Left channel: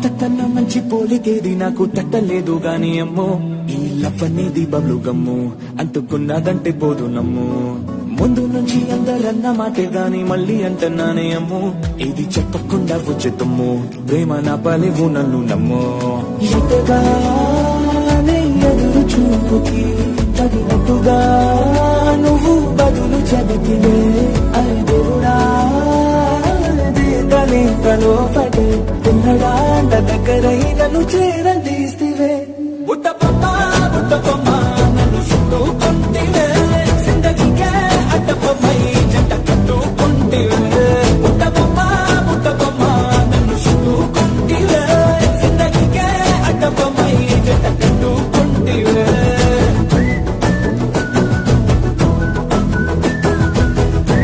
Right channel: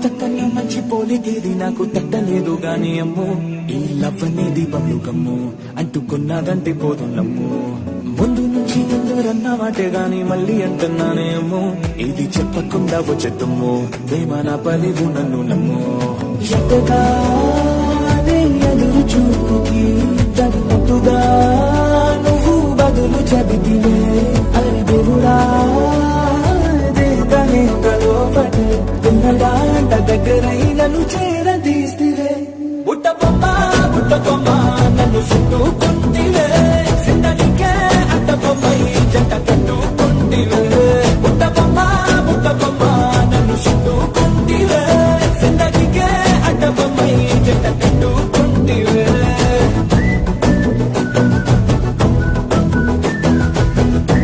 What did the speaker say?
అంతకన్నా మంచి పోలికేది నాకు తట్టలేదు గాని అమ్మో ఈ లవ్ అనేది బబ్లు గమ్ము అంటుకున్నదంటే పోదు నమ్ము ముందు నుంచి అందరన్న మాటే గాని మళ్ళీ అంటున్నానే అమ్మో ఇది చెప్పకుండా వచ్చే తుమ్ము ప్రేమ నా పలివు నన్ను నమ్ము ఎంతగానే ఎదురు చూపుకి తగినట్టుగా నువ్వు బదులు చెబితివే అరే దేవుడా లోపటి పిల్లడాంట దగ్గరై నన్ను చేర